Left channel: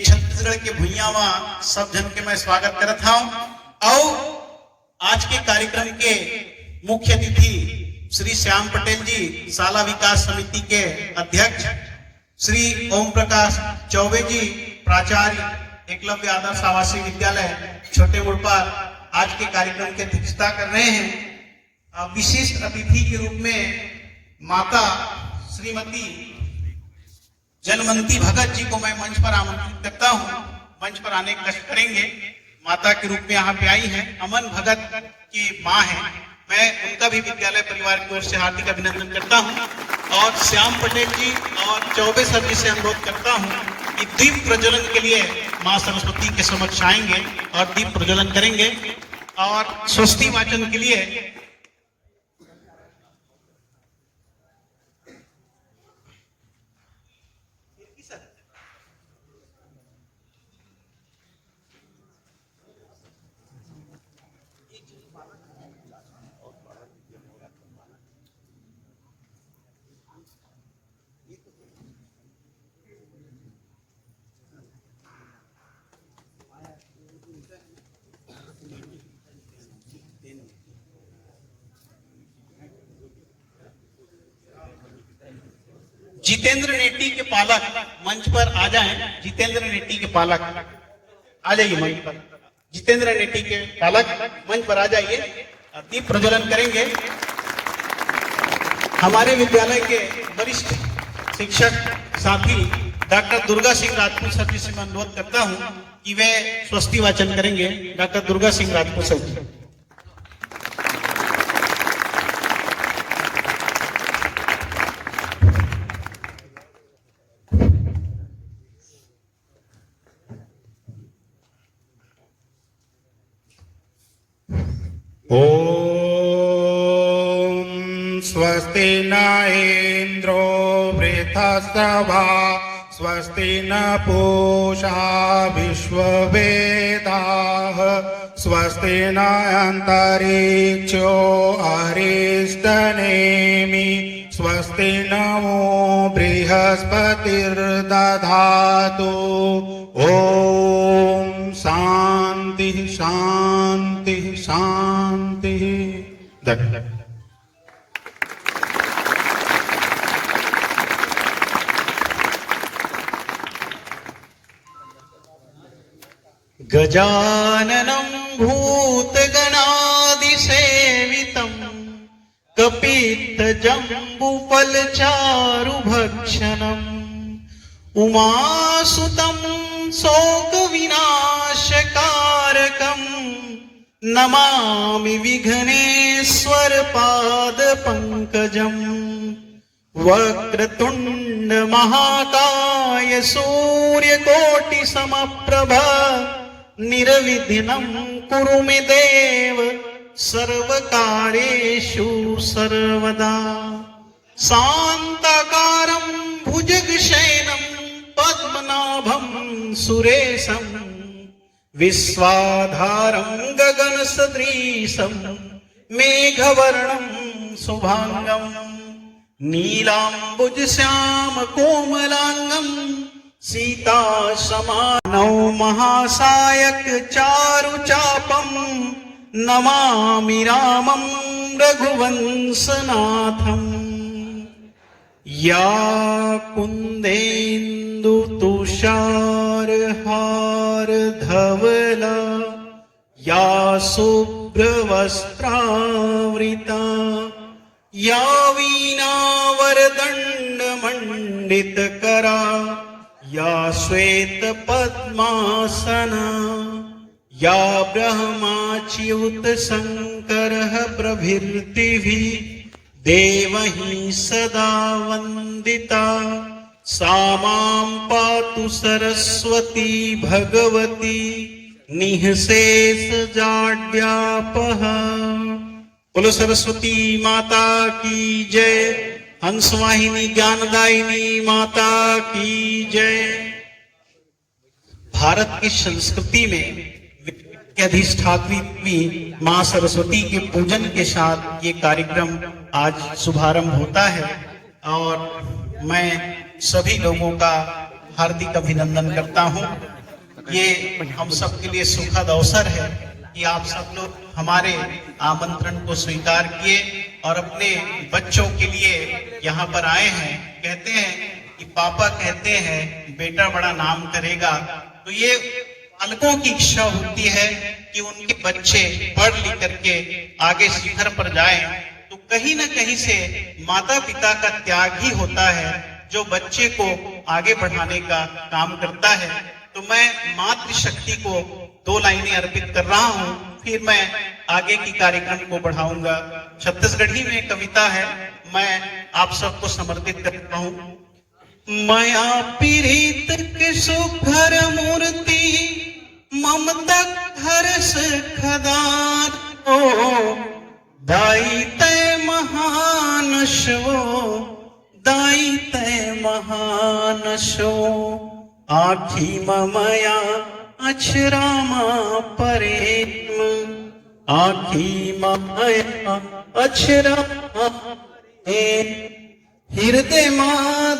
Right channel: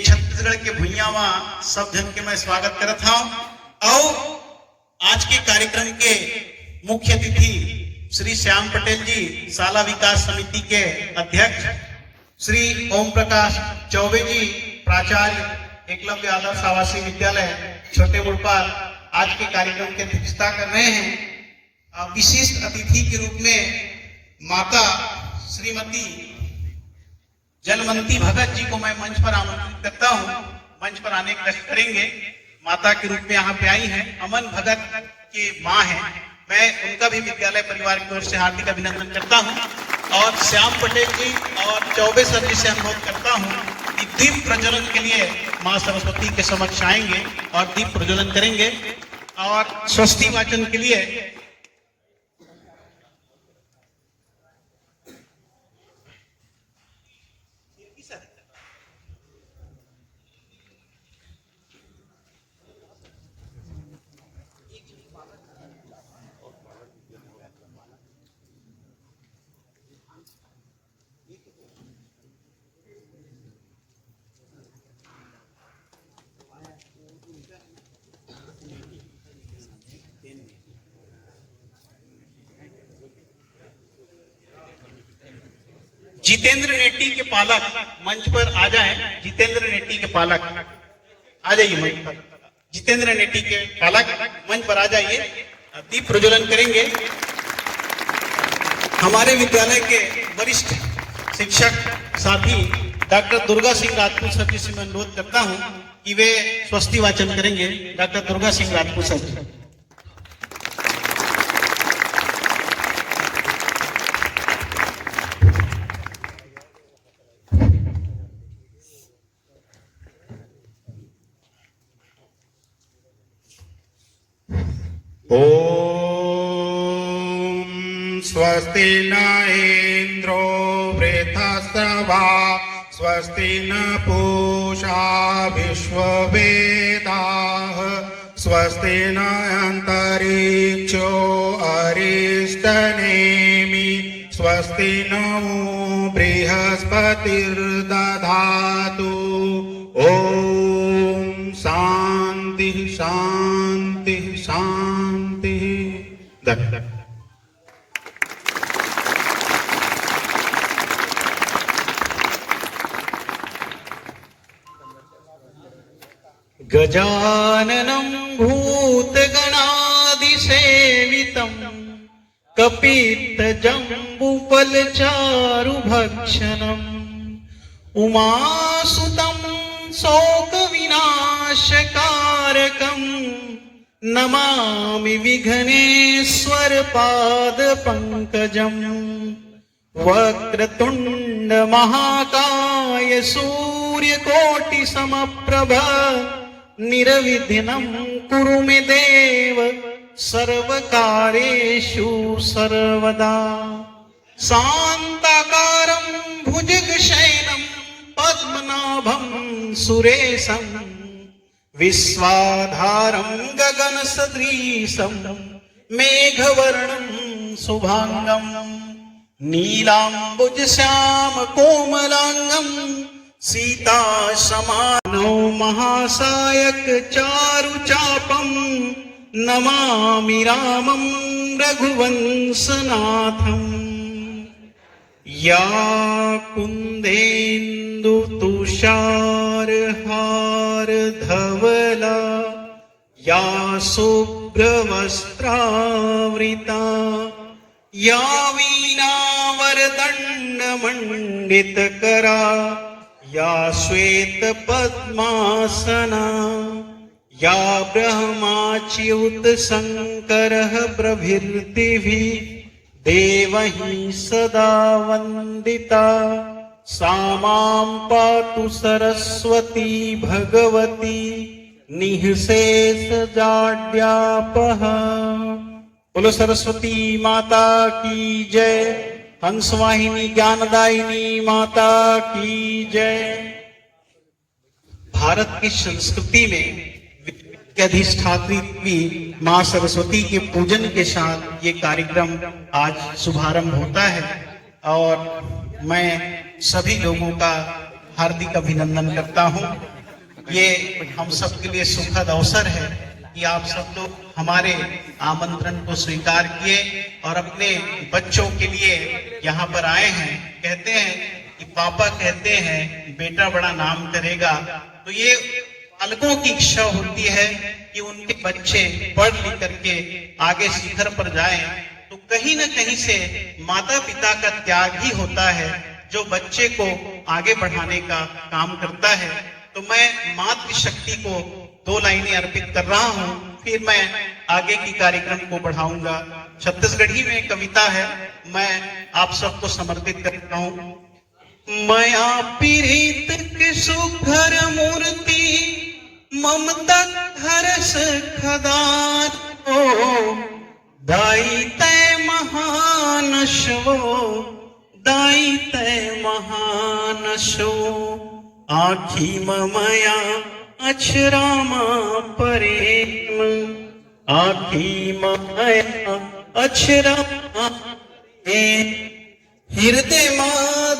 छत्तीसगढ़ के भुइयावा सब जन के मैं स्वागत करत हूं। और आज के कार्यक्रम के मुख्य अतिथि श्री श्याम पटेल जी, शाला विकास समिति के अध्यक्ष, श्री ओम प्रकाश चौबे जी, प्राचार्य एकलव्य आदर्श आवासीय विद्यालय छोटे मुड़पार, आज के कार्यक्रम की अध्यक्षता कर रहे हैं। विशिष्ट अतिथि के रूप में माता श्रीमती जलमंती भगत जी को मैं मंच पर आमंत्रित करता हूं। मंच पर आने का कष्ट करेंगे। माता के रूप में यहाँ पे आई हैं। अमन भगत की माँ है। मैं उनका भी विद्यालय परिवार की ओर से हार्दिक अभिनंदन करता हूं। और श्याम पटेल जी और चौबे सर जी से अनुरोध करता हूं कि दीप प्रज्वलन के लिए माँ सरस्वती के समक्ष आएंगे और दीप प्रज्वलन करेंगे। और स्वस्ति वाचन के लिए जितेंद्र नेटी के पालक मंच पर आ जाएं। जितेंद्र नेटी के पालक आ जाइए मंच पर। जितेंद्र नेटी के पालक मंच पर आ जाइए, दीप प्रज्वलन करेंगे। हमारे विद्यालय के वरिष्ठ शिक्षक साथी डॉक्टर दुर्गा सिंह राजपूत सर जी से मैं अनुरोध करता हूं कि वे स्वस्ति वाचन करेंगे। डॉक्टर दुर्गा सिंह राजपूत सर जी। ओम स्वस्ति न इंद्रो वृद्धस्तवा स्वस्ति न पूषा विश्ववेदाः स्वस्ति न अंतरिक्षो अरिष्टनेमि स्वस्ति नमो बृहस्पतिर्दधातु। ओम शांति शांति शांति। गजाननं भूतगणादिसेवितं कपित्थजम्बुफलचारुभक्षणम् उमासुतं शोकविनाशकारकम् नमामि विघ्नेश्वर पादपङ्कजम्। वक्रतुण्ड महाकाय सूर्यकोटि समप्रभ निर्विघ्नं कुरु मे देव सर्वकार्येषु सर्वदा। शान्ताकारं भुजगशयनं पद्मनाभं सुरेशं विश्वाधारं गगनसदृशं मेघवर्णं शुभांगं नीलाम्बुजश्याम कोमलांगं सीता समानौ महासायक चारुचापं नमामि रामं रघुवंशनाथं। या कुन्देन्दु तुषारहार धवला या शुभ्रवस्त्रावृता या वीणावरदण्डमण्डितकरा या श्वेतपद्मासना या ब्रह्माच्युत शङ्करः प्रभृतिभिः देवैः सदा वन्दिता। सा मां पातु सरस्वती भगवती निःशेषजाड्यापहा। बोलो सरस्वती माता की जय। हंसवाहिनी ज्ञानदायिनी माता की जय। भारत की संस्कृति में के अधिष्ठात्री मां सरस्वती के पूजन के साथ ये कार्यक्रम आज शुभारंभ होता है और मैं सभी लोगों का हार्दिक अभिनंदन करता हूं। ये हम सब के लिए सुखद अवसर है कि आप सब लोग हमारे आमंत्रण को स्वीकार किए और अपने बच्चों के लिए यहाँ पर आए हैं। कहते हैं कि पापा कहते हैं बेटा बड़ा नाम करेगा, तो ये पालकों की इच्छा होती है कि उनके बच्चे पढ़ लिख करके आगे शिखर पर जाएं। तो कहीं न कहीं से माता पिता का त्याग ही होता है जो बच्चे को आगे बढ़ाने का काम करता है। तो मैं मातृशक्ति को 2 लाइनें अर्पित कर रहा हूं, फिर मैं आगे की कार्यक्रम को बढ़ाऊंगा। छत्तीसगढ़ी में कविता है, मैं आप सबको समर्पित करता हूं। माया पीड़ित के सुघर मूर्ति ममता हरस खदान ओ दाई तय महानशो दाई तय महानशो आखी ममया अक्षरामा प्रेम आखी ममया अक्षरामा हृदय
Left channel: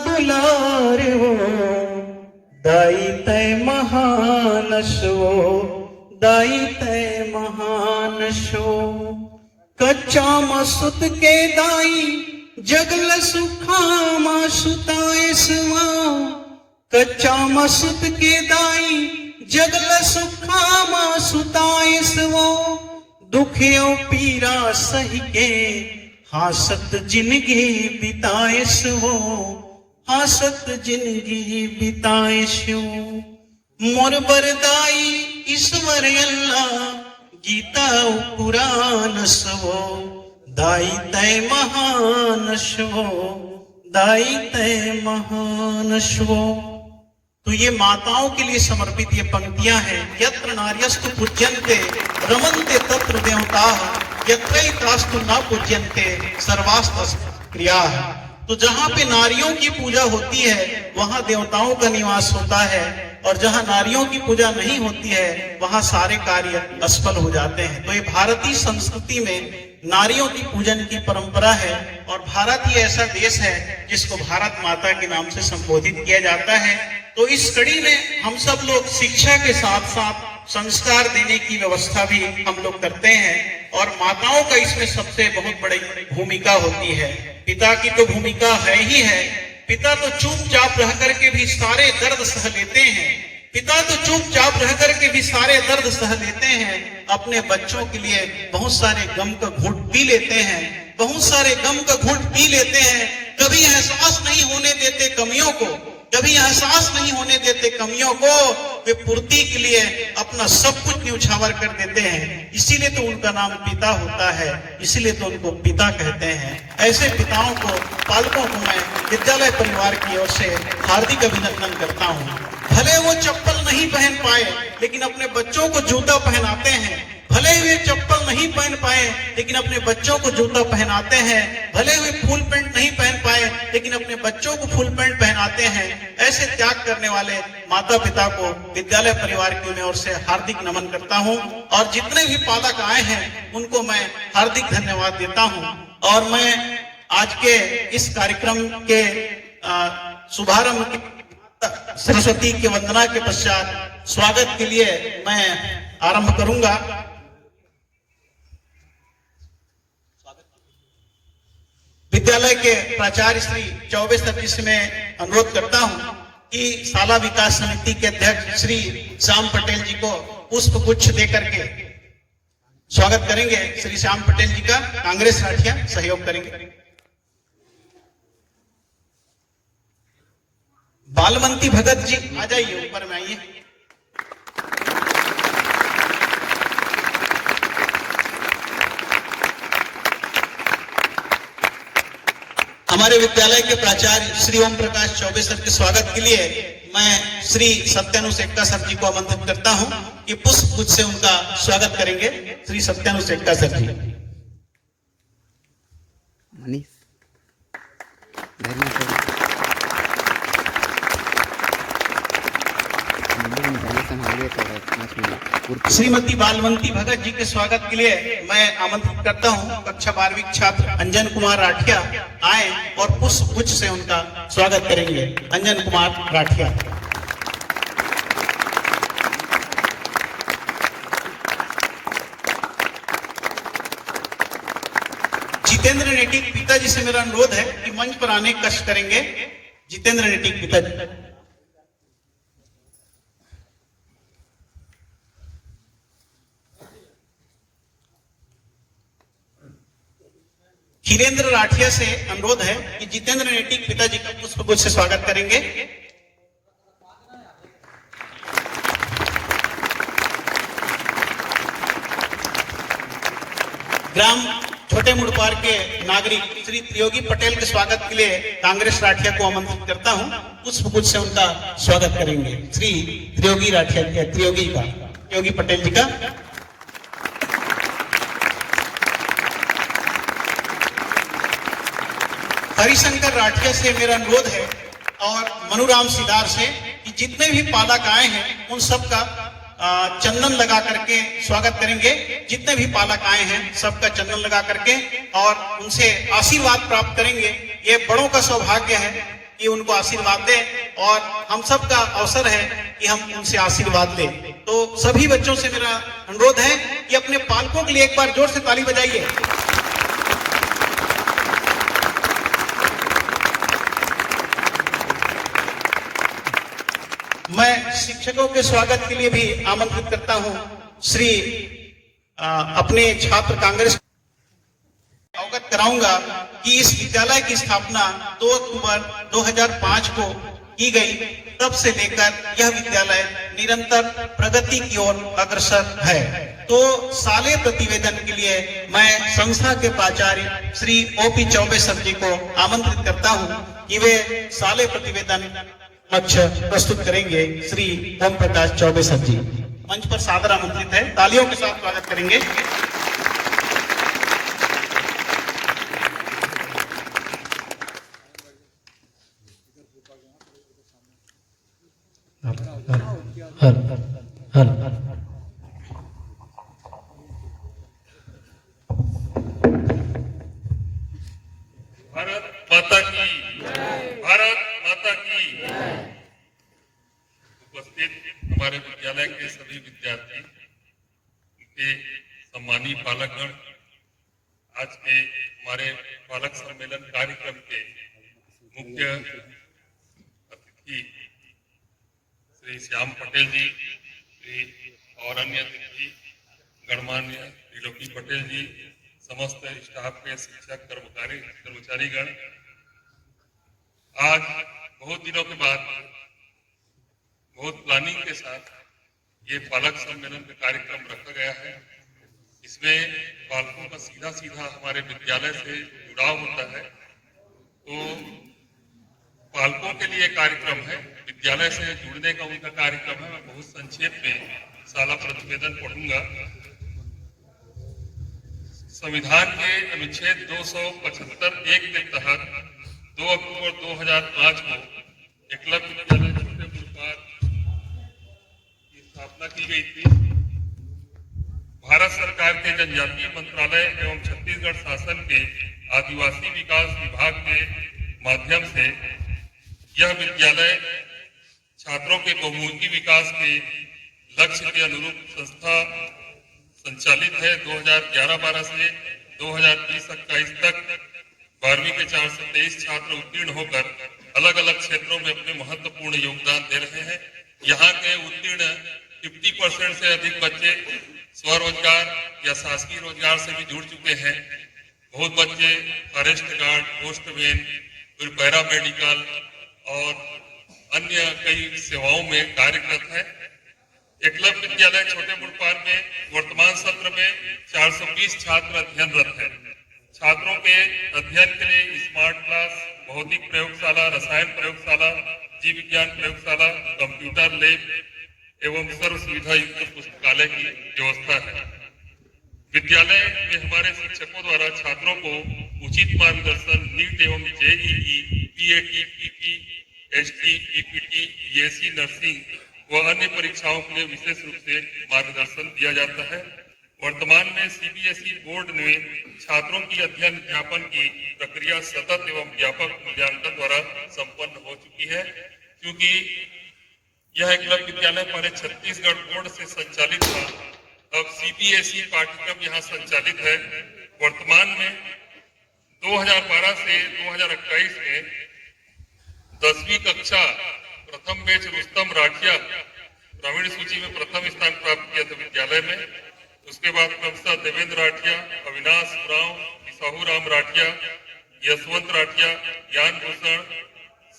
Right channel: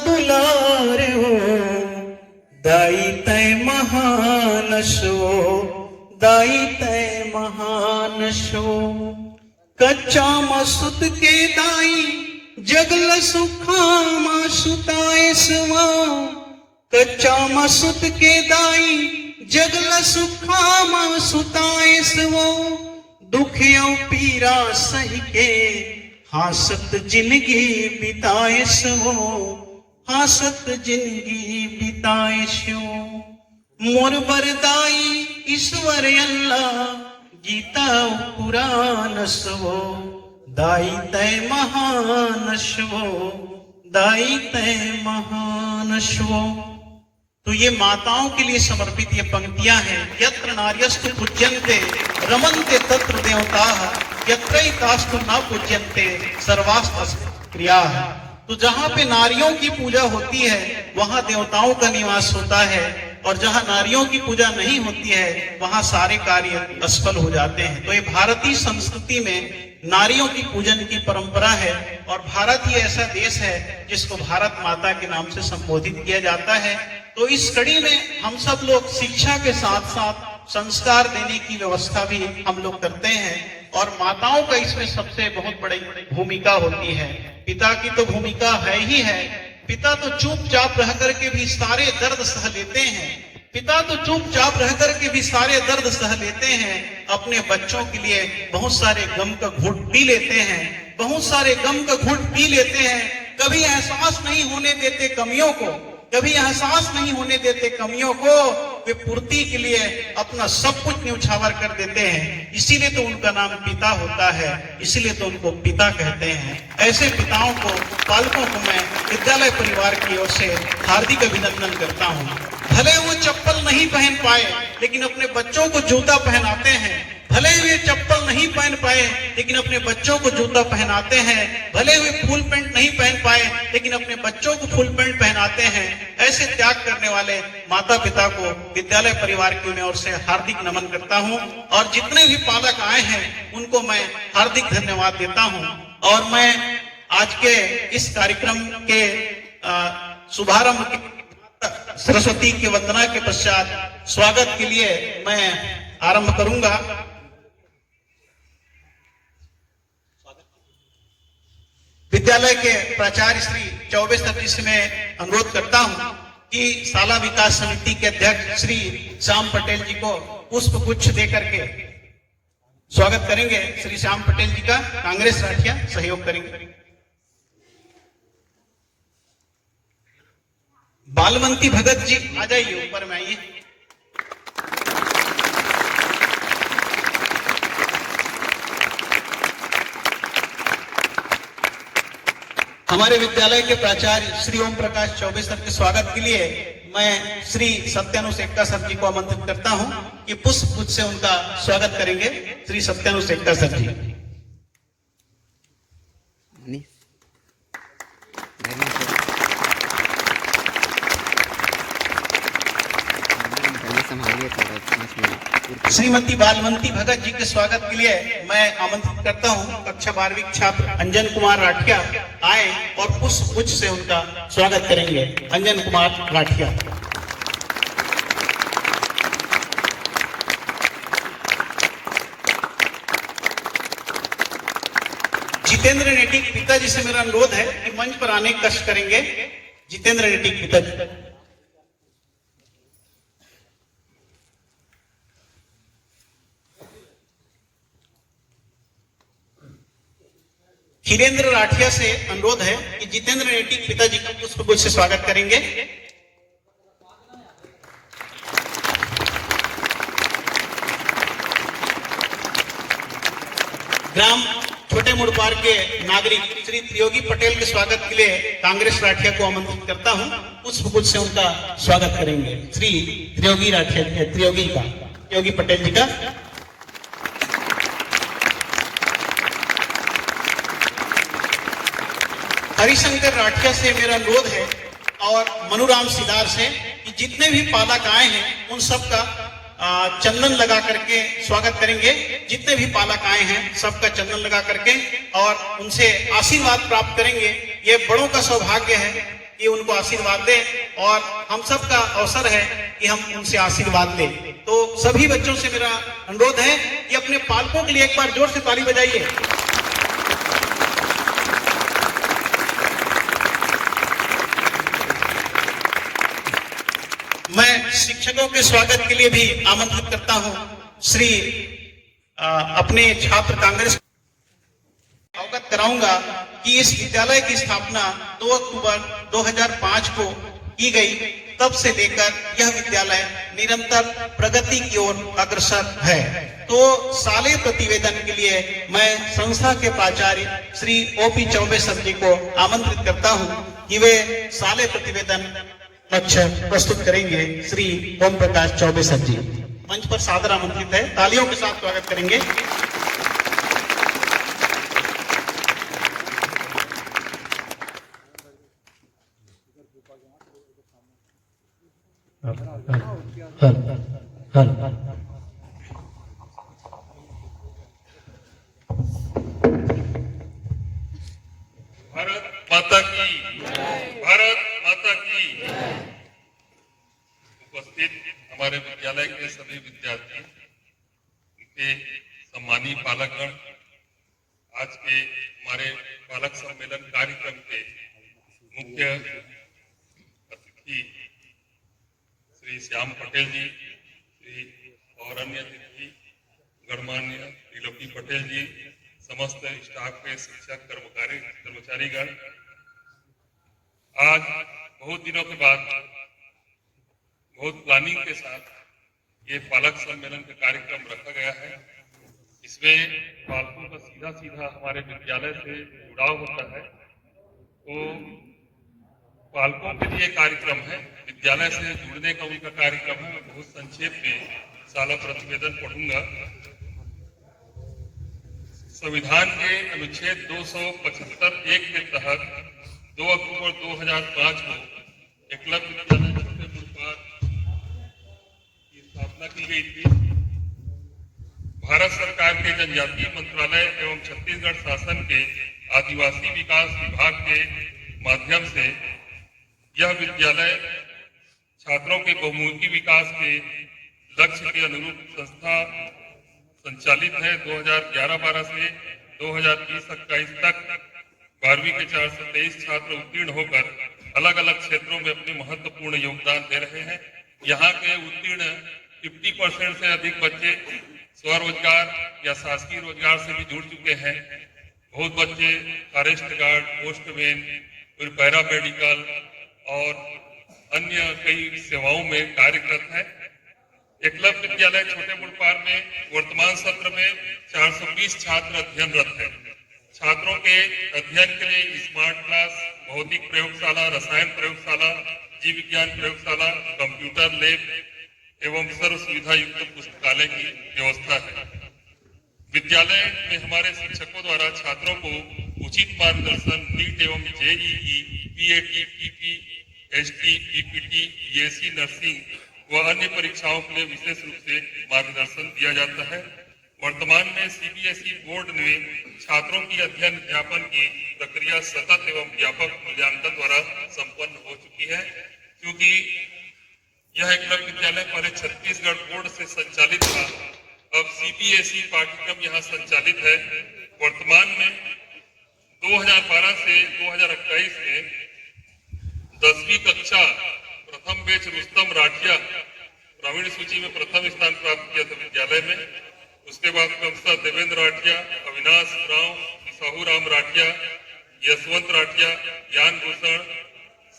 दुलार हो दाई तय महानशो दाई तय महानशो कच्चा मसुत के दाई जगल सुखामा सुताए सवा कच्चा मसुत के दाई जगल सुखामा सुताए सवा दुख यो पीरा सही के हासत जिंदगी बिताए सो हासत जिंदगी बिताए सो मोर बरदाई ईश्वर अल्लाह गीता पुराण सो दाई तय महान सो दाई तय महान सो। तो ये माताओं के लिए समर्पित ये पंक्तियां हैं। यत्र नार्यस्तु पूज्यन्ते रमन्ते तत्र देवताः यत्रैतास्तु न पूज्यन्ते सर्वास्तु क्रियाः। तो जहां पे नारियों की पूजा होती है वहां देवताओं का निवास होता है, और जहां नारियों की पूजा नहीं होती है वहां सारे कार्य असफल हो जाते हैं। तो ये भारतीय संस्कृति में नारियों की पूजन की परंपरा है, और भारत ही ऐसा देश है जिसको भारत माता के नाम से संबोधित किया जाता है। तो इस कड़ी में हम सब लोग शिक्षा के साथ साथ संस्कार देने की व्यवस्था भी हम लोग करते हैं, और माताओं का इसमें सबसे बहुत बड़ी भूमिका होती है। पिता की तो भूमिका है ही है। पिता तो चुपचाप रह करके भी सारे दर्द सह लेते हैं। पिता तो चुपचाप रह करके भी सारे दर्द सह लेते हैं। अपने बच्चों के लिए बहुत सारे गम का घूंट पी लेते हैं, बहुत सारे गम का घूंट पी लेते हैं। कभी एहसास नहीं होने देते कमियों को, कभी एहसास नहीं होने देते कमियों को। वे पूर्ति के लिए अपना सब कुछ न्यौछावर कर देते हैं। इसीलिए तो उनका नाम पिता होता है, इसीलिए तो उनको पिता कहते हैं। ऐसे पिताओं को, पालकों को मैं विद्यालय परिवार की ओर से हार्दिक अभिनंदन करता हूँ। भले वो चप्पल नहीं पहन पाए लेकिन अपने बच्चों को जूता पहनाते हैं। भले वे चप्पल नहीं पहन पाए लेकिन अपने बच्चों को जूता पहनाते हैं। भले वे फुल पैंट नहीं पहन पाए लेकिन अपने बच्चों को फुल पैंट पहनाते हैं। ऐसे त्याग करने वाले माता पिता को विद्यालय परिवार की ओर से हार्दिक नमन करता हूं, और जितने भी पालक आए हैं उनको मैं हार्दिक धन्यवाद देता हूं। और मैं आज के इस कार्यक्रम के शुभारंभ के सरस्वती के वंदना के पश्चात स्वागत के लिए मैं आरंभ करूंगा। विद्यालय के प्राचार्य श्री चौबे सर जी से मैं अनुरोध करता हूं कि शाला विकास समिति के अध्यक्ष श्री श्याम पटेल जी को पुष्प गुच्छ देकर के स्वागत करेंगे। श्री श्याम पटेल जी का कांग्रेस राठिया सहयोग करेंगे। बालवंती भगत जी आ जाइए, ऊपर में आइए। हमारे विद्यालय के प्राचार्य श्री ओम प्रकाश चौबे सर के स्वागत के लिए मैं श्री सत्यानु सेठका सर जी को आमंत्रित करता हूं कि पुष्प गुच्छ से उनका स्वागत करेंगे। श्री सत्यानु सेठका सर जी। श्रीमती बालवंती भगत जी के स्वागत के लिए मैं आमंत्रित करता हूं कक्षा 12वीं छात्र अंजन कुमार राठिया आए और पुष्प गुच्छ से उनका स्वागत करेंगे। अंजन कुमार राठिया। जितेंद्र नेटिक पिताजी से मेरा अनुरोध है कि मंच पर आने का कष्ट करेंगे। जितेंद्र नेटिक पिताजी। खीरेंद्र राठिया से अनुरोध है कि जितेंद्र नेटिक पिताजी का पुष्पगुच्छ से स्वागत करेंगे। ग्राम छोटे मुड़पार के नागरिक श्री त्रियोगी पटेल के स्वागत के लिए कांग्रेस राठिया को आमंत्रित करता हूं। पुष्पगुच्छ से उनका स्वागत करेंगे श्री त्रियोगी राठिया के त्रियोगी पटेल जी का। हरिशंकर राठिया से मेरा अनुरोध है और मनुराम सिदार से कि जितने भी पालक आए हैं उन सबका चंदन लगा करके स्वागत करेंगे। जितने भी पालक आए हैं सबका चंदन लगा करके और उनसे आशीर्वाद प्राप्त करेंगे। ये बड़ों का सौभाग्य है कि उनको आशीर्वाद दे और हम सबका अवसर है कि हम उनसे आशीर्वाद लें। तो सभी बच्चों से मेरा अनुरोध है कि अपने पालकों के लिए एक बार जोर से ताली बजाइए। मैं शिक्षकों के स्वागत के लिए भी आमंत्रित करता हूं। श्री अपने छात्र कांग्रेस अवगत कराऊंगा कि इस विद्यालय की स्थापना 2 अक्टूबर 2005 को की गई। तब से लेकर यह विद्यालय निरंतर प्रगति की ओर अग्रसर है। तो साले प्रतिवेदन के लिए मैं संस्था के प्राचार्य श्री ओपी चौबे सर जी को आमंत्रित करता हूं कि वे साले प्रतिवेदन लक्ष्य प्रस्तुत करेंगे। श्री ओम प्रकाश चौबे सर जी मंच पर सादर आमंत्रित है। तालियों के साथ स्वागत करेंगे। भारत माता की, भारत माता की। उपस्थित हमारे विद्यालय के सभी विद्यार्थी, उनके सम्मानीय पालकगण, आज के हमारे पालक सम्मेलन कार्यक्रम के मुख्य अतिथि श्री श्याम पटेल जी, और अन्य अतिथि गणमान्य त्रिलोकी पटेल जी, समस्त स्टाफ के शिक्षक कर्मचारीगण, आज बहुत दिनों के बाद बहुत प्लानिंग के साथ ये पालक सम्मेलन का कार्यक्रम रखा गया है। इसमें पालकों का सीधा सीधा हमारे विद्यालय से जुड़ाव होता है। तो पालकों के लिए कार्यक्रम है, विद्यालय से जुड़ने का उनका कार्यक्रम है। मैं बहुत संक्षेप में साला प्रतिवेदन पढ़ूंगा। संविधान के अनुच्छेद 275(1) के तहत 2 अक्टूबर 2005 को एकलव्य विद्यालय छोटे मुड़पार की स्थापना की गई थी। भारत सरकार के जनजातीय मंत्रालय एवं छत्तीसगढ़ शासन के आदिवासी विकास विभाग के माध्यम से यह विद्यालय छात्रों के बहुमुखी विकास के लक्ष्य के अनुरूप संस्था संचालित है। 2011-12 से 2020-21 तक 12वीं के 423 छात्र उत्तीर्ण होकर अलग अलग क्षेत्रों में अपने महत्वपूर्ण योगदान दे रहे हैं। यहाँ के उत्तीर्ण 50% से अधिक बच्चे स्वरोजगार या शासकीय रोजगार से भी जुड़ चुके हैं। बहुत बच्चे फॉरेस्ट गार्ड, पोस्टमैन, फिर पैरा मेडिकल और अन्य कई सेवाओं में कार्यरत है। एकलव्य विद्यालय छोटे मुड़पार में वर्तमान सत्र में 420 छात्र अध्ययनरत हैं। छात्रों के अध्ययन के लिए स्मार्ट क्लास, भौतिक प्रयोगशाला, रसायन प्रयोगशाला, जीव विज्ञान प्रयोगशाला, कंप्यूटर लैब एवं सर्व सुविधा युक्त पुस्तकालय की व्यवस्था है। विद्यालय में हमारे शिक्षकों द्वारा छात्रों को उचित मार्गदर्शन नीट एवं JEE, PAT, PP, ST, PPT, BSc nursing व अन्य परीक्षाओं के लिए विशेष रूप से मार्गदर्शन दिया जाता है। वर्तमान में सीबीएसई बोर्ड में छात्रों की अध्ययन अध्यापन की प्रक्रिया सतत एवं व्यापक मूल्यांकन द्वारा संपन्न हो चुकी है। क्योंकि यह एकलव्य विद्यालय पहले छत्तीसगढ़ बोर्ड से संचालित था, अब सीबीएसई पाठ्यक्रम यहाँ संचालित है। वर्तमान में 2012 से 2021 में 10वीं कक्षा प्रथम बैच रुस्तम राठिया ग्रामीण सूची में प्रथम स्थान प्राप्त किया था विद्यालय में। उसके बाद क्रमशः देवेंद्र राठिया, अविनाश उरांव, साहू राम राठिया, यशवंत राठिया, ज्ञान भूषण,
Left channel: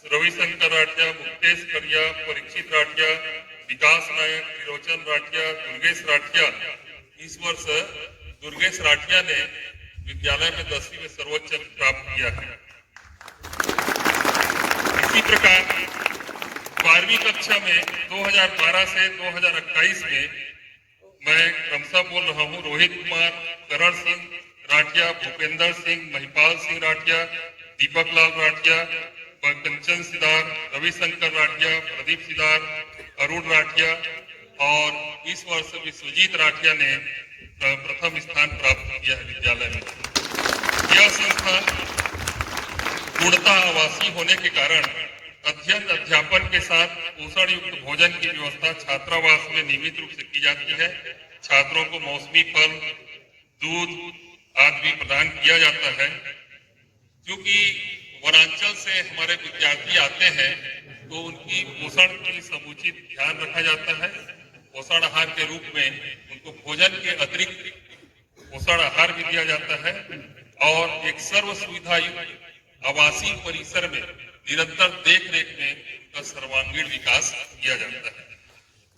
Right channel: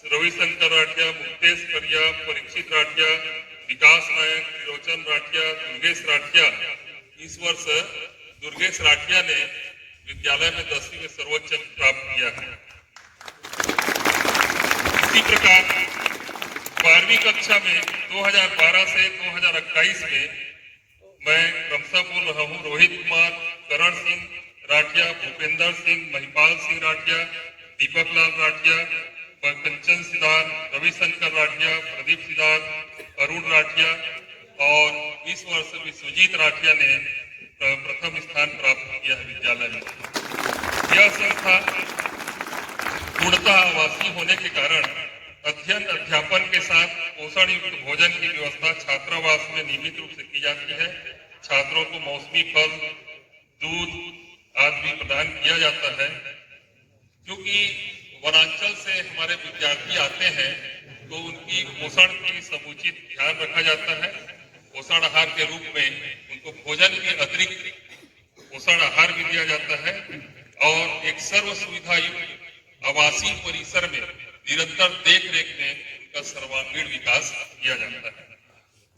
रविशंकर राठिया, मुक्तेश करिया, परीक्षित राठिया, विकास नायक, त्रिलोचन राठिया, दुर्गेश राठिया। इस वर्ष दुर्गेश राठिया ने विद्यालय में 10वीं में सर्वोच्च अंक प्राप्त किया है। इसी प्रकार 12वीं कक्षा में 2012 से 2021 में मैं क्रमशः बोल रहा हूँ रोहित कुमार, करण सिंह राठिया, भूपेंद्र सिंह, महिपाल सिंह राठिया, दीपक लाल राठिया, कंचन सिदार, रविशंकर राठिया, प्रदीप सिदार, अरुण राठिया और इस वर्ष विश्वजीत राठिया ने प्रथम स्थान प्राप्त किया है विद्यालय में। यह संस्था पूर्णतः आवासीय होने के कारण अध्ययन अध्यापन के साथ पोषण युक्त भोजन की व्यवस्था छात्रावास में नियमित रूप से की जाती है। छात्रों को मौसमी फल, दूध आदि भी प्रदान किया जाता है। क्योंकि वनांचल से हमारे विद्यार्थी आते हैं तो उनकी पोषण की समुचित ध्यान रखा जाता है। पोषण आहार के रूप में उनको भोजन के अतिरिक्त पोषण आहार भी दिया जाता है और एक सर्व सुविधा युक्त आवासीय परिसर में निरंतर देख रेख में उनका सर्वांगीण विकास किया जाता है।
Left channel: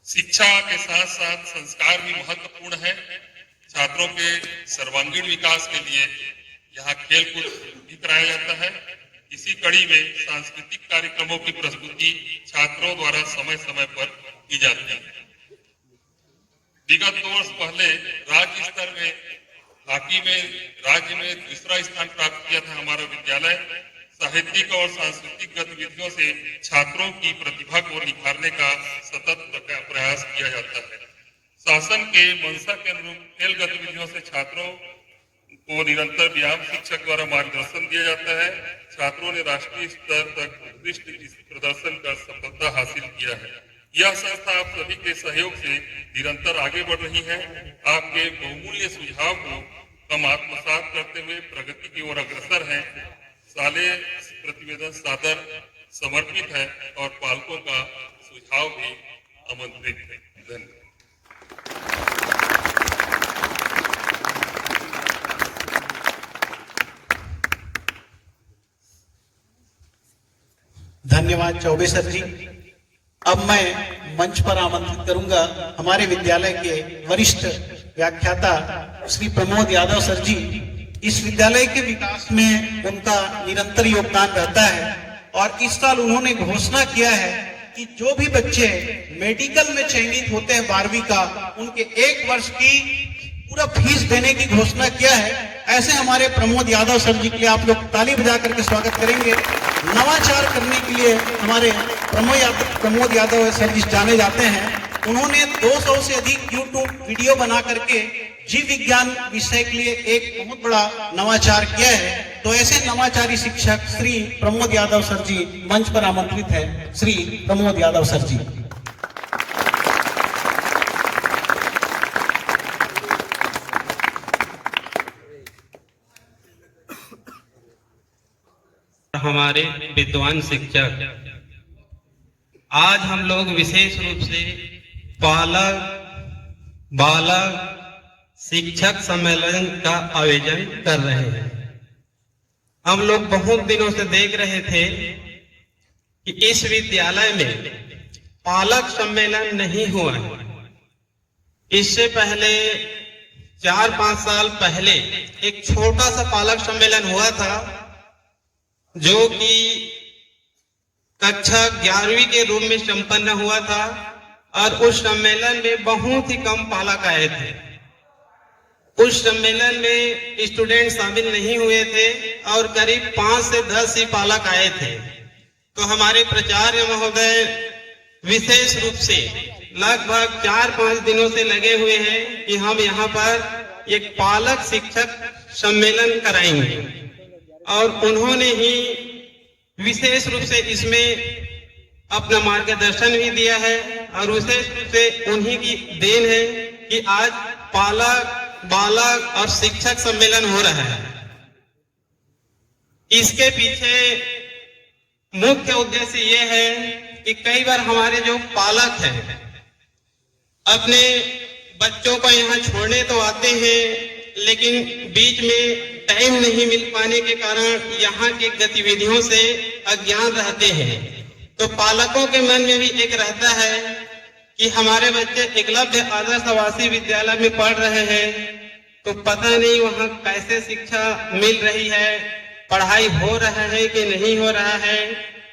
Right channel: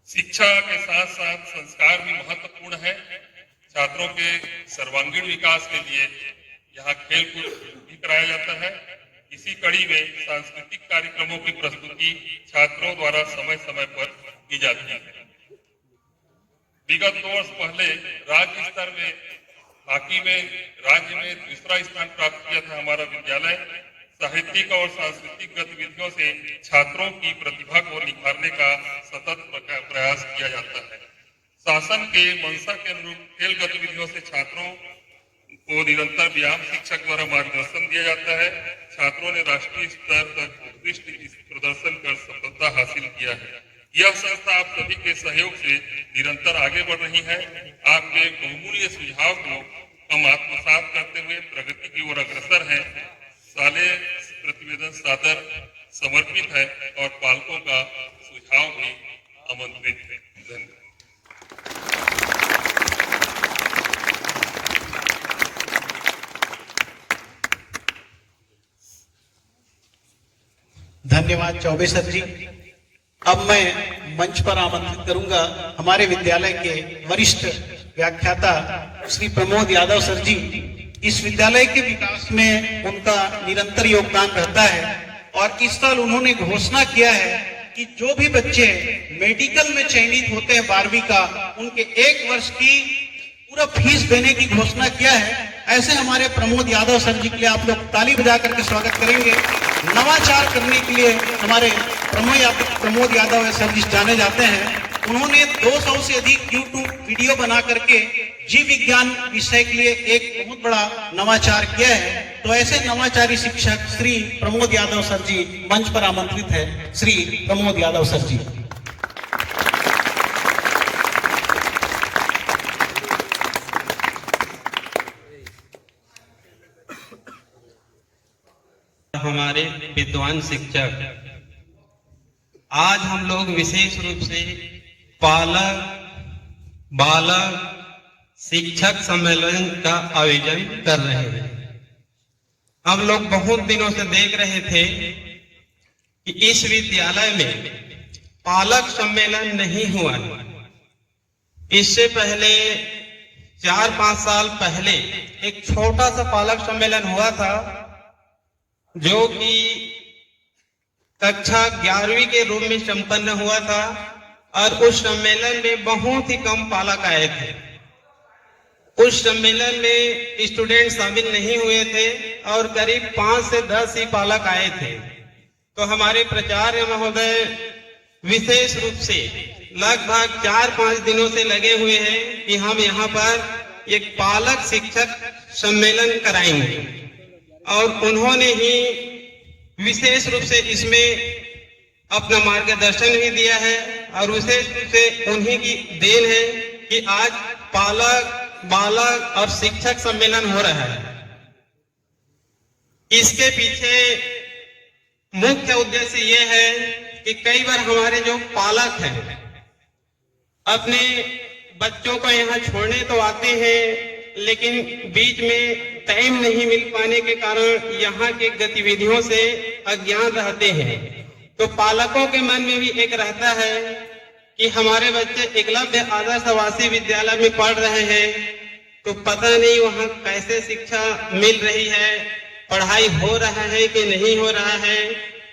शिक्षा के साथ साथ संस्कार भी महत्वपूर्ण है। छात्रों के सर्वांगीण विकास के लिए यहाँ खेल कूद भी कराया जाता है। इसी कड़ी में सांस्कृतिक कार्यक्रमों की प्रस्तुति छात्रों द्वारा समय समय पर की जाती है। विगत 2 वर्ष पहले राज्य स्तर में हॉकी में राज्य में दूसरा स्थान प्राप्त किया था हमारा विद्यालय। साहित्यिक और सांस्कृतिक गतिविधियों से छात्रों की प्रतिभा को निखारने का सतत प्रयास किया जाता है। शासन के मंशा के अनुरूप खेल गतिविधियों से छात्रों को निरंतर व्यायाम शिक्षक द्वारा मार्गदर्शन दिया जाता है। छात्रों ने राष्ट्रीय स्तर तक उत्कृष्ट प्रदर्शन कर सफलता हासिल किया है। यह संस्था आप सभी के सहयोग से निरंतर आगे बढ़ रही है। आपके बहुमूल्य सुझाव को हम आत्मसात करते हुए प्रगति की ओर अग्रसर हैं। साले प्रतिवेदन सादर समर्पित है और पालकों का सुझाव भी आमंत्रित है। धन्यवाद। धन्यवाद चौबे सर जी। अब मैं मंच पर आमंत्रित करूंगा हमारे विद्यालय के वरिष्ठ व्याख्याता श्री प्रमोद यादव सर जी। इस विद्यालय के विकास में उनका निरंतर योगदान रहता है और इस साल उन्होंने घोषणा किया है कि जो भी बच्चे मेडिकल में चयनित होते हैं 12वीं का, उनके 1 वर्ष की पूरा फीस देने की घोषणा किया है। ऐसे हमारे प्रमोद यादव सर जी के लिए आप लोग ताली बजा करके स्वागत करेंगे। नवाचार करने के लिए हमारे प्रमोद यादव सर जी जाने जाते हैं। उन्होंने 200 से अधिक यूट्यूब वीडियो बना करके जीव विज्ञान विषय के लिए एक बहुत बड़ा नवाचार किया है। तो ऐसे नवाचारी शिक्षक श्री प्रमोद यादव सर जी मंच पर आमंत्रित है। श्री प्रमोद यादव सर जी। हमारे विद्वान शिक्षक, आज हम लोग विशेष रूप से पालक बालक शिक्षक सम्मेलन का आयोजन कर रहे हैं। हम लोग बहुत दिनों से देख रहे थे कि इस विद्यालय में पालक सम्मेलन नहीं हुआ है। इससे पहले 4-5 साल पहले एक छोटा सा पालक सम्मेलन हुआ था, जो कि कक्षा 11वीं के रूप में संपन्न हुआ था और उस सम्मेलन में बहुत ही कम पालक आए थे। उस सम्मेलन में स्टूडेंट शामिल नहीं हुए थे और करीब 5 से 10 ही पालक आए थे। तो हमारे प्राचार्य महोदय विशेष रूप से लगभग 4-5 दिनों से लगे हुए हैं कि हम यहाँ पर एक पालक शिक्षक सम्मेलन कराएंगे और उन्होंने ही विशेष रूप से इसमें अपना मार्गदर्शन भी दिया है और विशेष रूप से उन्हीं की देन है कि आज पालक बालक और शिक्षक सम्मेलन हो रहा है। इसके पीछे मुख्य उद्देश्य ये है कि कई बार हमारे जो पालक हैं अपने बच्चों को यहाँ छोड़ने तो आते हैं, लेकिन बीच में टाइम नहीं मिल पाने के कारण यहाँ के गतिविधियों से अज्ञान रहते हैं। तो पालकों के मन में भी एक रहता है कि हमारे बच्चे एकलव्य आदर्श आवासीय विद्यालय में पढ़ रहे हैं, तो पता नहीं वहाँ कैसे शिक्षा मिल रही है, पढ़ाई हो रहा है कि नहीं हो रहा है,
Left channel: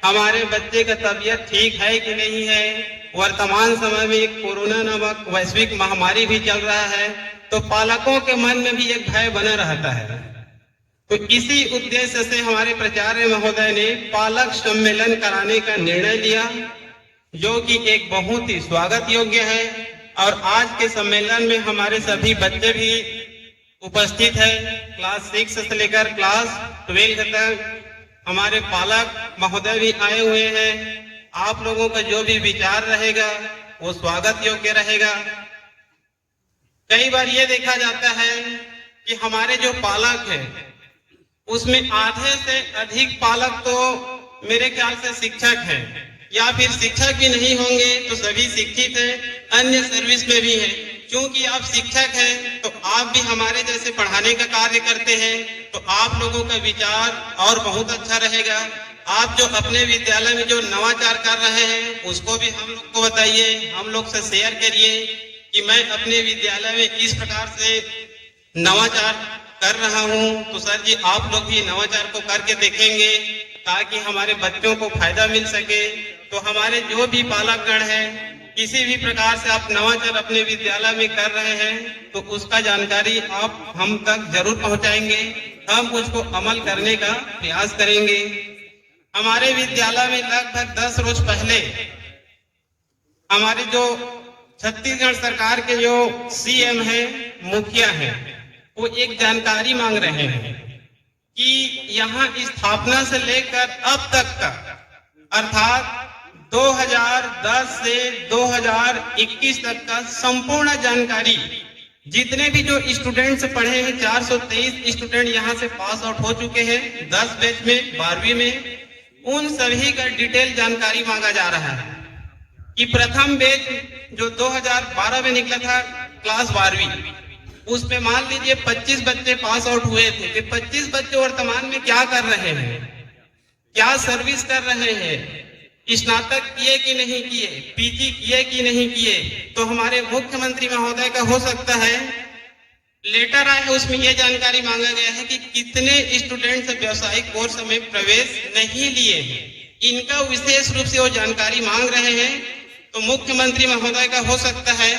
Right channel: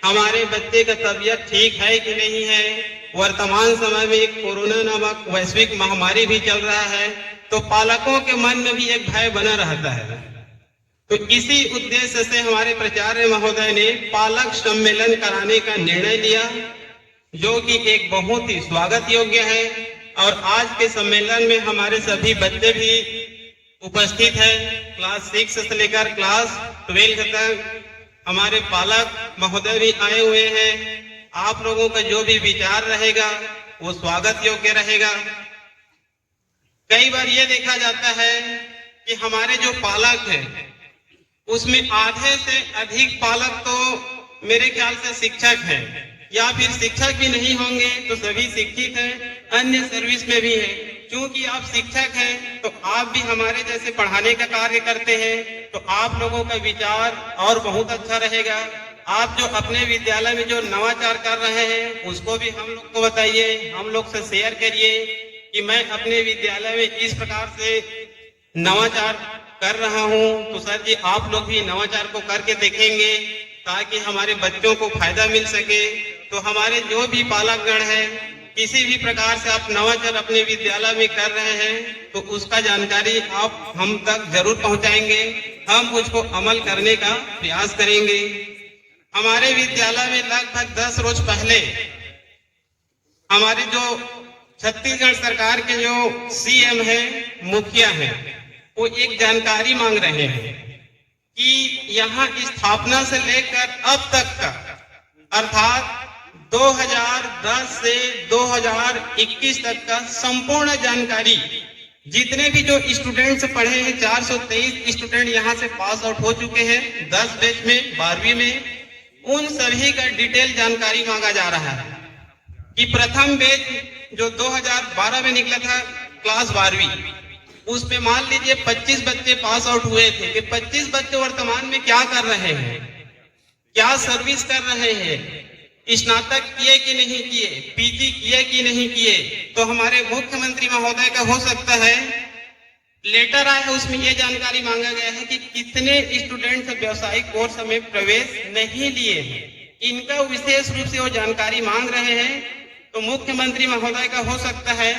हमारे बच्चे का तबीयत ठीक है कि नहीं है। वर्तमान समय में एक कोरोना नामक वैश्विक महामारी भी चल रहा है, तो पालकों के मन में भी एक भय बना रहता है। तो इसी उद्देश्य से हमारे प्राचार्य महोदय ने पालक सम्मेलन कराने का निर्णय लिया, जो कि एक बहुत ही स्वागत योग्य है। और आज के सम्मेलन में हमारे सभी बच्चे भी उपस्थित है, क्लास 6 से लेकर क्लास 12 तक हमारे पालक महोदय भी आए हुए हैं। आप लोगों का जो भी विचार रहेगा वो स्वागत योग्य रहेगा। कई बार ये देखा जाता है कि हमारे जो पालक हैं उसमें आधे से अधिक पालक तो मेरे ख्याल से शिक्षक हैं, या फिर शिक्षक भी नहीं होंगे तो सभी शिक्षित हैं, अन्य सर्विस में भी हैं। क्योंकि आप शिक्षक हैं तो आप भी हमारे जैसे पढ़ाने का कार्य करते हैं, तो आप लोगों का विचार और बहुत अच्छा रहेगा। आप जो अपने विद्यालय में जो नवाचार कर रहे हैं उसको भी हम लोग को बताइए, हम लोग से शेयर करिए कि मैं अपने विद्यालय में इस प्रकार से नवाचार कर रहा हूँ। तो सर जी आप लोग भी नवाचार को करके देखेंगे ताकि हमारे बच्चों को फायदा मिल सके। तो हमारे जो भी पालकगण है, किसी भी प्रकार से आप नवाचार अपने विद्यालय में कर रहे हैं तो उसका जानकारी आप हम तक जरूर पहुंचाएंगे, हम उसको अमल करने का प्रयास करेंगे। हमारे विद्यालय में लगभग 10 रोज पहले हमारे जो छत्तीसगढ़ सरकार के जो सीएम है, मुखिया है, वो एक जानकारी मांग रहे हैं कि यहाँ स्थापना से लेकर अब तक का अर्थात 2010 से 2021 तक का संपूर्ण जानकारी, जितने भी जो स्टूडेंट्स पढ़े हैं, 423 स्टूडेंट यहाँ से पास आउट हो चुके हैं 10 बैच में 12वीं में, उन सभी का डिटेल जानकारी मांगा जा रहा है कि प्रथम बैच जो 2012 में निकला था क्लास 12वीं, उसमें मान लीजिए 25 बच्चे पास आउट हुए थे कि 25 बच्चे वर्तमान में क्या कर रहे हैं, क्या सर्विस कर रहे हैं, स्नातक किए कि नहीं किए, पीजी किए कि नहीं किए। तो हमारे मुख्यमंत्री महोदय का हो सकता है लेटर आया है, उसमें यह जानकारी मांगा गया है कि कितने स्टूडेंट्स व्यावसायिक कोर्स में प्रवेश नहीं लिए हैं, इनका विशेष रूप से वो जानकारी मांग रहे हैं। तो मुख्यमंत्री महोदय का हो सकता है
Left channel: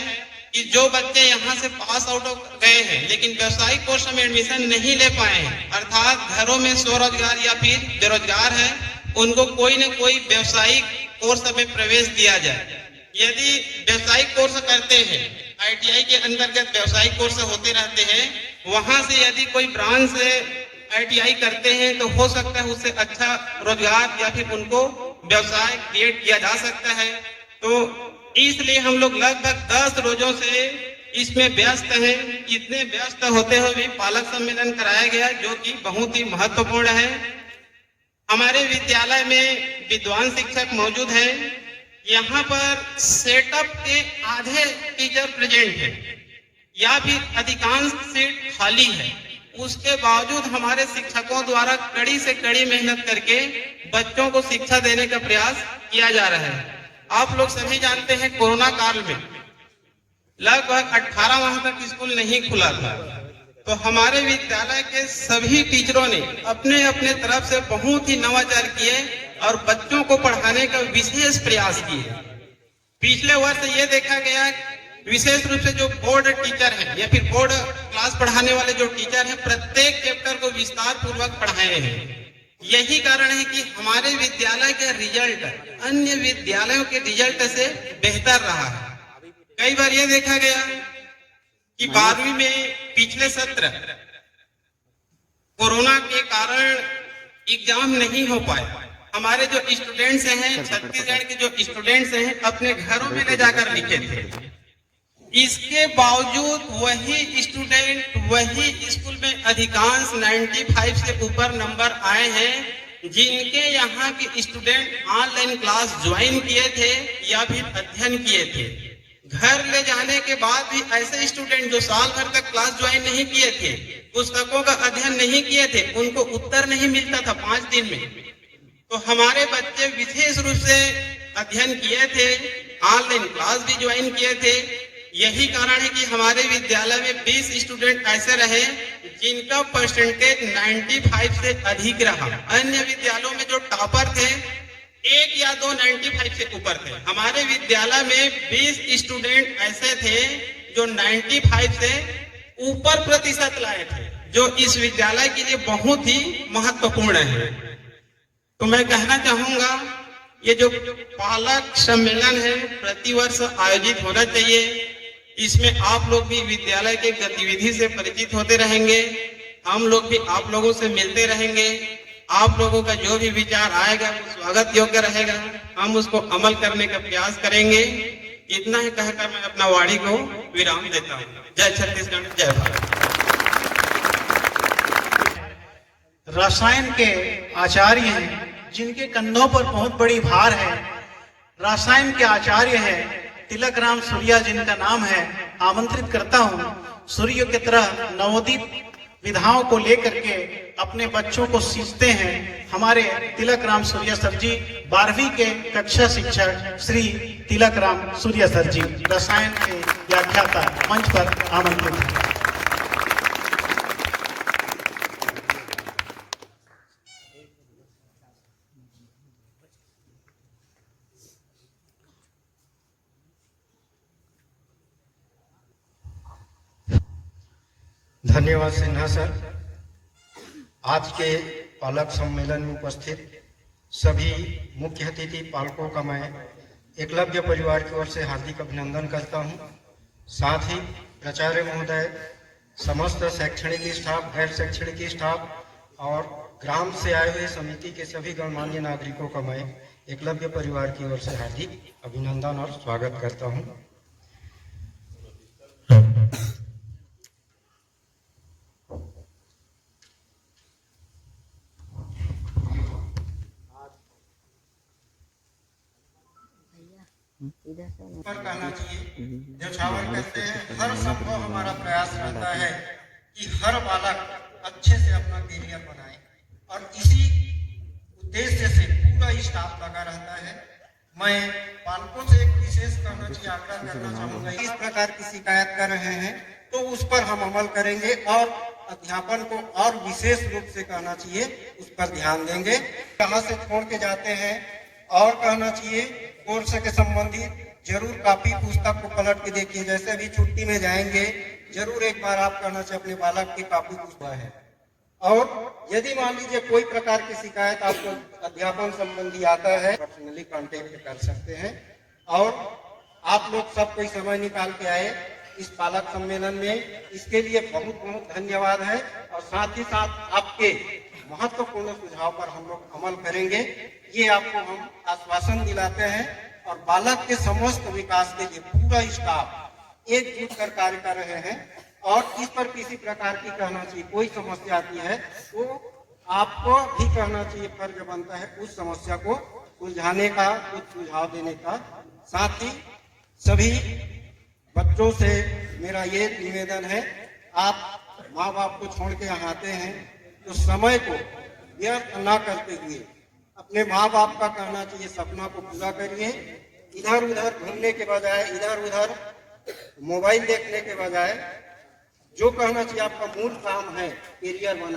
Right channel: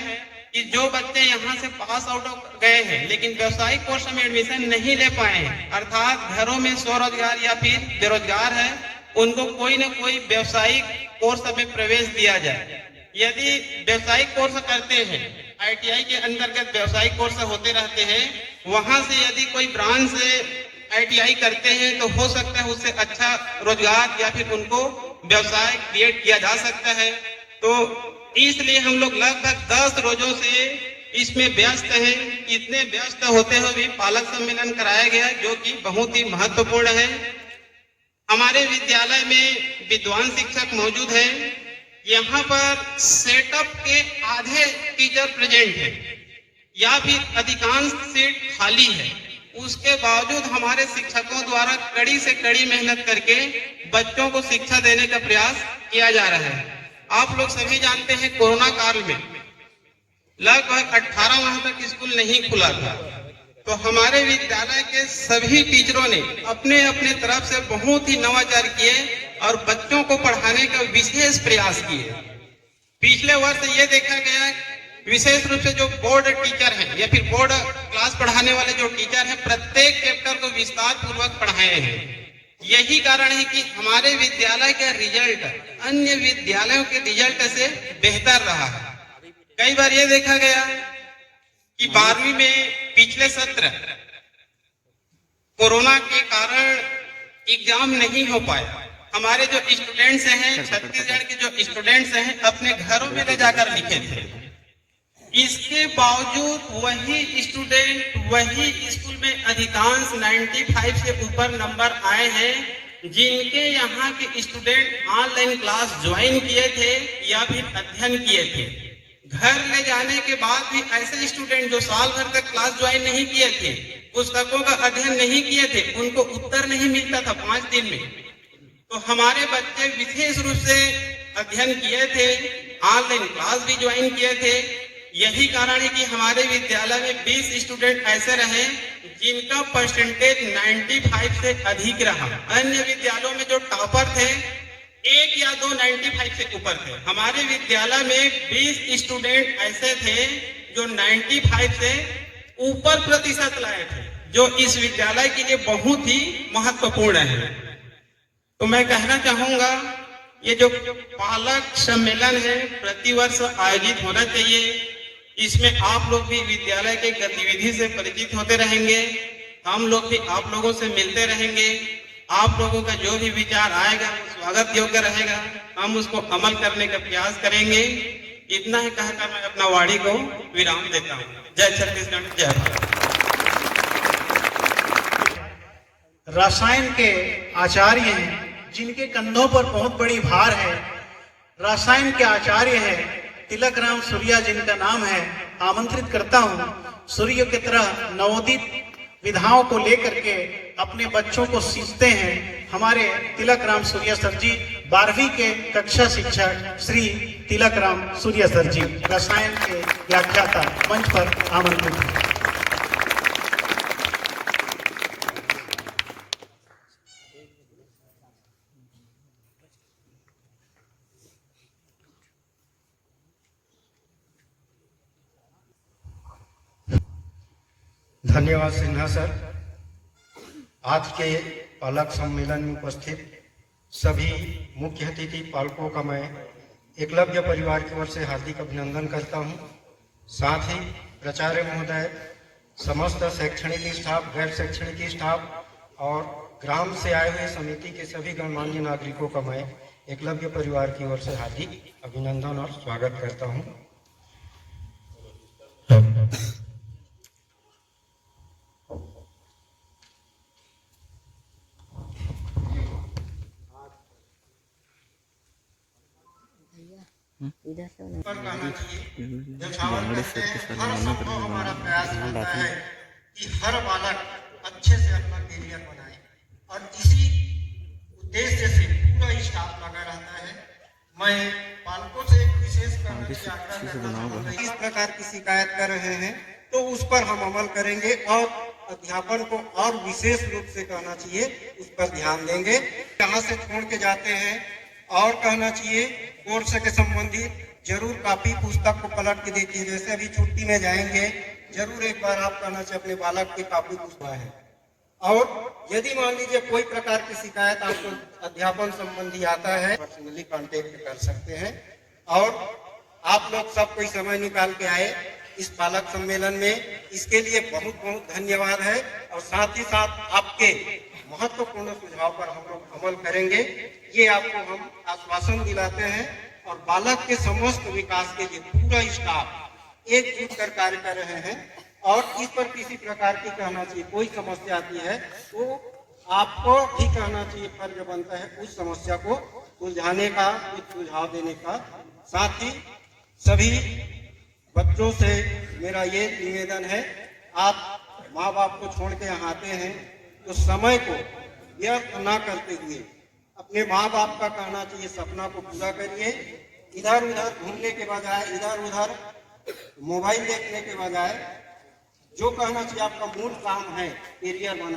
कि जो बच्चे यहाँ से पास आउट गए हैं लेकिन व्यावसायिक कोर्स में एडमिशन नहीं ले पाए हैं, अर्थात घरों में स्वरोजगार या फिर बेरोजगार है, उनको कोई न कोई व्यावसायिक कोर्स में प्रवेश दिया जाए। यदि व्यवसायिक कोर्स करते हैं, आईटीआई के अंतर्गत व्यवसायिक कोर्स होते रहते हैं, वहां से यदि कोई ब्रांच से आईटीआई करते हैं तो हो सकता है उससे अच्छा रोजगार या फिर उनको व्यवसाय क्रिएट किया जा सकता है। तो इसलिए हम लोग लगभग 10 रोजों से इसमें व्यस्त हैं। इतने व्यस्त होते हुए भी पालक सम्मेलन कराया गया, जो कि बहुत ही महत्वपूर्ण है। हमारे विद्यालय में विद्वान शिक्षक मौजूद हैं। यहाँ पर सेटअप के आधे टीचर प्रेजेंट हैं या फिर अधिकांश सीट खाली है, उसके बावजूद हमारे शिक्षकों द्वारा कड़ी से कड़ी मेहनत करके बच्चों को शिक्षा देने का प्रयास किया जा रहा है। आप लोग सभी जानते हैं कोरोना काल में लगभग 18 माह तक स्कूल नहीं खुला था, तो हमारे विद्यालय के सभी टीचरों ने अपने अपने तरफ से बहुत ही नवाचार किए और बच्चों को पढ़ाने का विशेष प्रयास किए। पिछले वर्ष ये देखा गया विशेष रूप से जो बोर्ड टीचर हैं या फिर बोर्ड क्लास पढ़ाने वाले जो टीचर हैं, प्रत्येक चैप्टर को विस्तार पूर्वक पढ़ाए हैं। यही कारण है कि हमारे विद्यालय का रिजल्ट अन्य विद्यालयों के रिजल्ट से बेहतर रहा है। कई बार ये देखा गया कि 12वीं में पिछले सत्र कोरोना के कारण एग्जाम नहीं हो पाए। हमारे जो स्टूडेंट्स हैं, छत्तीसगढ़ के जो स्टूडेंट्स हैं, अपने घरों में ले जाकर लिखे थे। इसके बावजूद वही स्टूडेंट वही स्कूल में अधिकांश 95 से ऊपर नंबर आए हैं जिनके यहाँ के स्टूडेंट ऑनलाइन क्लास ज्वाइन किए थे या फिर अध्ययन किए थे। घर ले जाने के बाद भी ऐसे स्टूडेंट जो साल भर तक क्लास ज्वाइन नहीं किए थे, पुस्तकों का अध्ययन नहीं किए थे, उनको उत्तर नहीं मिलता था 5 दिन में। तो हमारे बच्चे विशेष रूप से अध्ययन किए थे, ऑनलाइन क्लास भी ज्वाइन किए थे। यही कारण है कि हमारे विद्यालय में 20 स्टूडेंट ऐसे रहे जिनका परसेंटेज 95 से अधिक रहा। अन्य विद्यालयों में जो टॉपर थे 1 या 2 95 से ऊपर थे। हमारे विद्यालय में 20 स्टूडेंट ऐसे थे जो 95 से ऊपर प्रतिशत लाए थे, जो इस विद्यालय के लिए बहुत ही महत्वपूर्ण है। तो मैं कहना चाहूंगा ये जो पालक सम्मेलन है प्रतिवर्ष आयोजित होना चाहिए। इसमें आप लोग भी विद्यालय के गतिविधि से परिचित होते रहेंगे, हम लोग भी आप लोगों से मिलते रहेंगे। आप लोगों का जो भी विचार आएगा वो स्वागत योग्य रहेगा, हम उसको अमल करने का प्रयास करेंगे। इतना ही कहकर मैं अपना वाणी को विराम देता हूँ। जय छत्तीसगढ़, जय भारत। रसायन के आचार्य हैं जिनके कंधों पर बहुत बड़ी भार है। रसायन के आचार्य है तिलक राम सूर्या जिनका नाम है। आमंत्रित करता हूँ सूर्य की तरह नवोदित विधाओं को लेकर के अपने बच्चों को सींचते हैं हमारे तिलक राम सूर्या सर जी, 12वीं के कक्षा शिक्षक श्री तिलक राम सूर्या सर जी रसायन के व्याख्याता मंच पर आमंत्रित हैं। धन्यवाद सिन्हा सर। आज के पालक सम्मेलन में उपस्थित सभी मुख्य अतिथि पालकों का मैं एकलव्य परिवार की ओर से हार्दिक अभिनंदन करता हूं। साथ ही प्राचार्य महोदय, समस्त शैक्षणिक स्टाफ, गैर शैक्षणिक स्टाफ और ग्राम से आए हुए समिति के सभी गणमान्य नागरिकों का मैं एकलव्य परिवार की ओर से हार्दिक अभिनंदन और स्वागत करता हूं। पर कहना चाहिए जैसावर कहते हैं हर संभव हमारा प्रयास रहता है कि हर बालक अच्छे से अपना करियर बनाए और इसी उद्देश्य से पूरा स्टाफ लगा रहता है। मैं पालकों से एक विशेष आग्रह करना चाहूंगा, इस प्रकार की शिकायत कर रहे हैं तो उस पर हम अमल करेंगे और अध्यापन को और विशेष रूप से कहना चाहिए उस पर ध्यान देंगे। यहाँ से छोड़ के जाते हैं और कहना चाहिए कोर्स के संबंधित जरूर कापी पुस्तक को पलट के देखिए। जैसे अभी छुट्टी में जाएंगे जरूर एक बार आप कहना चाहिए अपने बालक की कापी पुस्तक है। और यदि मान लीजिए कोई प्रकार की शिकायत आपको अध्यापन संबंधी आता है पर्सनली कांटेक्ट कर सकते हैं। और आप लोग सब कोई समय निकाल के आए इस पालक सम्मेलन में, इसके लिए बहुत बहुत धन्यवाद है। और साथ ही साथ आपके महत्वपूर्ण सुझाव पर हम लोग अमल करेंगे, ये आपको हम आश्वासन दिलाते हैं। और बालक के समस्त विकास के लिए पूरा स्टाफ एकजुट कर कार्य कर रहे हैं। और इस पर किसी प्रकार की कहना चाहिए कोई समस्या आती है तो आपको भी कहना चाहिए फर्ज बनता है उस समस्या को सुलझाने का, कुछ सुझाव देने का। साथ ही सभी बच्चों से मेरा ये निवेदन है, आप माँ बाप को छोड़ के यहाँ आते हैं तो समय को व्यर्थ न करते हुए अपने माँ बाप का कहना चाहिए सपना को पूरा करिए। इधर उधर घूमने के बजाय, इधर उधर मोबाइल देखने के बजाय जो कहना चाहिए आपका मूल काम है करियर बना